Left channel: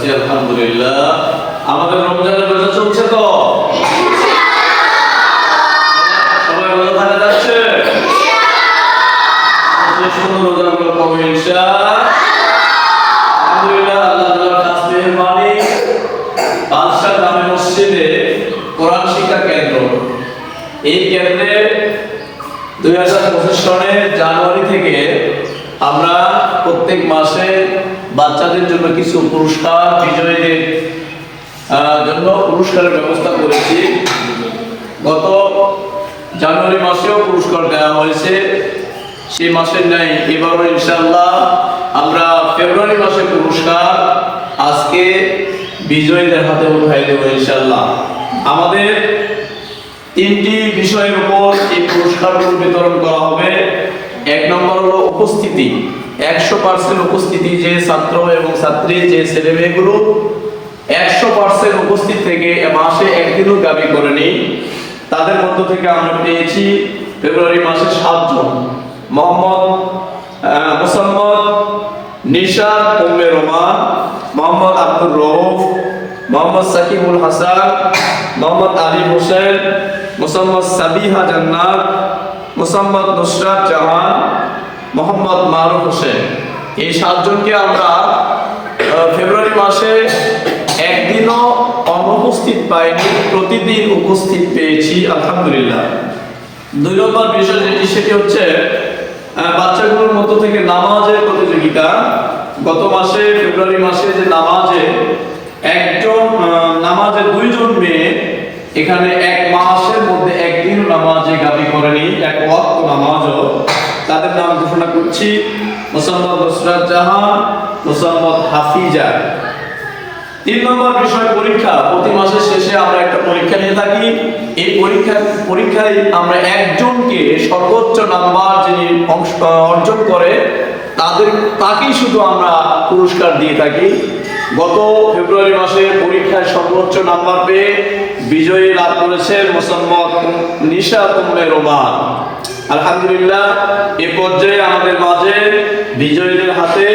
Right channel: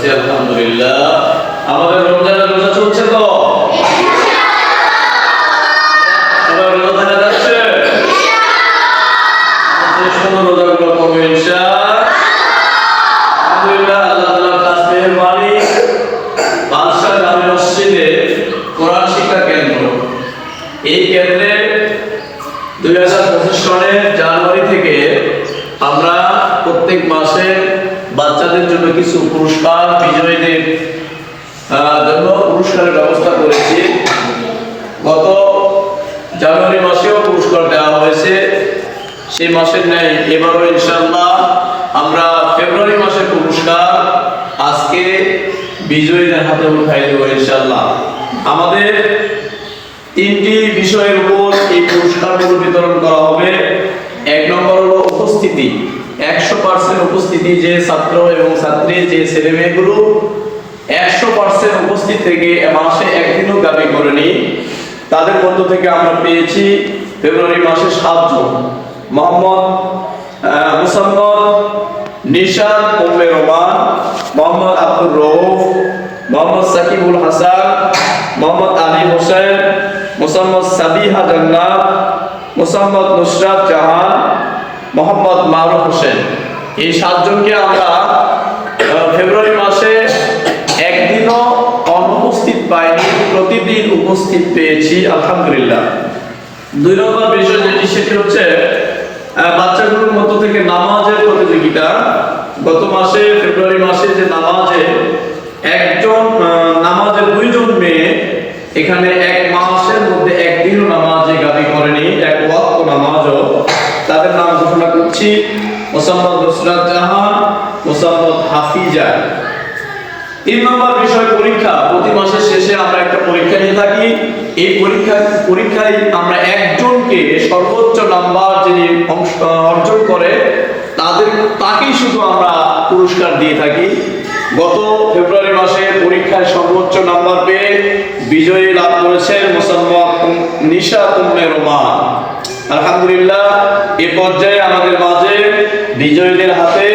পারছি আলহামদুলিল্লাহ। আমাদের রমজানের রোজা চলছে তো? সবাই রোজা থাকা যাচ্ছে? রোজাগুলো করবে ইনশাআল্লাহ। আলহামদুলিল্লাহ, আল্লাহ তাআলার খাস মেহেরবানি, বাদশা জামে মসজিদে কোরআন শিক্ষা কেন্দ্র, এই কেন্দ্রে 2025 সনের জানুয়ারি থেকে আমরা প্রত্যেক মাসে বাচ্চাদের জন্য কিছু পুরস্কার, বিজয়ীদের জন্য পুরস্কারের ব্যবস্থা করেছি। গত জানুয়ারি মাসেও পুরস্কার দেওয়া হয়েছে, সেই মাসের ন্যায় এবারও ইনশাআল্লাহ আমরা ফেব্রুয়ারি মাসের পুরস্কার আজকে বিজয়ীদের হাতে উঠাই দেব ইনশাআল্লাহ। আমাদের 3টি বিষয়ের উপর এই পুরস্কারগুলো বিতরণ করা হবে। 1 নম্বর হলো উপস্থিতি, 100% উপস্থিতি, যে ছাত্র এবং ছাত্রী, যে ছেলে মেয়েগুলো 100% উপস্থিত থেকে মাসে একদিনও দাবি করেনি, তাদের মধ্য থেকে আমরা পেয়েছি ফেব্রুয়ারি মাসে 7 জন। মুসাম্মদ নিশাত উম্মে রোমান, মোহাম্মদ আব্দুর রউফ, মোহাম্মদ সাকিবুল হাসান, মোহাম্মদ আলী হোসেন, মুসাম্মদ সাবিহা জান্নাত, মুসাম্মদ নুসরাত জাহান, মোহাম্মদ মারুফ হোসেন। এই 7 জনকে আমরা ফেব্রুয়ারি মাসে একদিনও অনুপস্থিত পাইনি, প্রতিদিন উপস্থিত পেয়েছি আলহামদুলিল্লাহ। 2 নম্বর বিষয় যেটি, সেটি হচ্ছে বাচ্চাগুলোর মধ্য থেকে নামাজের প্রতিযোগিতা। গত মাসে ফেব্রুয়ারি মাসে যে নামাজে নামাজে 2 জন মেয়ে এখানে 1 মাসের মধ্যে একদিনও নামাজে গাবি করেনি, 1 ওয়াক্ত নামাজও, তাদের নাম ঘোষণা করছি: মুসাম্মদ নুসরাত জাহান, মুসাম্মদ হাফিজা। 3 নম্বর বিষয় পরীক্ষা। প্রতি মাসের শেষে আমরা একটা পরীক্ষা নিয়ে থাকি। এই পরীক্ষায় আমরা একজনকে সর্বোচ্চ নাম্বার যিনি অর্জন করে তাকেই শুধু আমরা পুরস্কার দিয়ে থাকি। গত ফেব্রুয়ারি মাসে পরীক্ষায় সর্বোচ্চ নাম্বার পেয়ে বিজয়ী লাভ করেছেন মুসাম্মদ নিশাত উম্মে রোমান। আলহামদুলিল্লাহ, এ পর্যায়ে আমাদের মাঝে বিজয়ীদের হাতে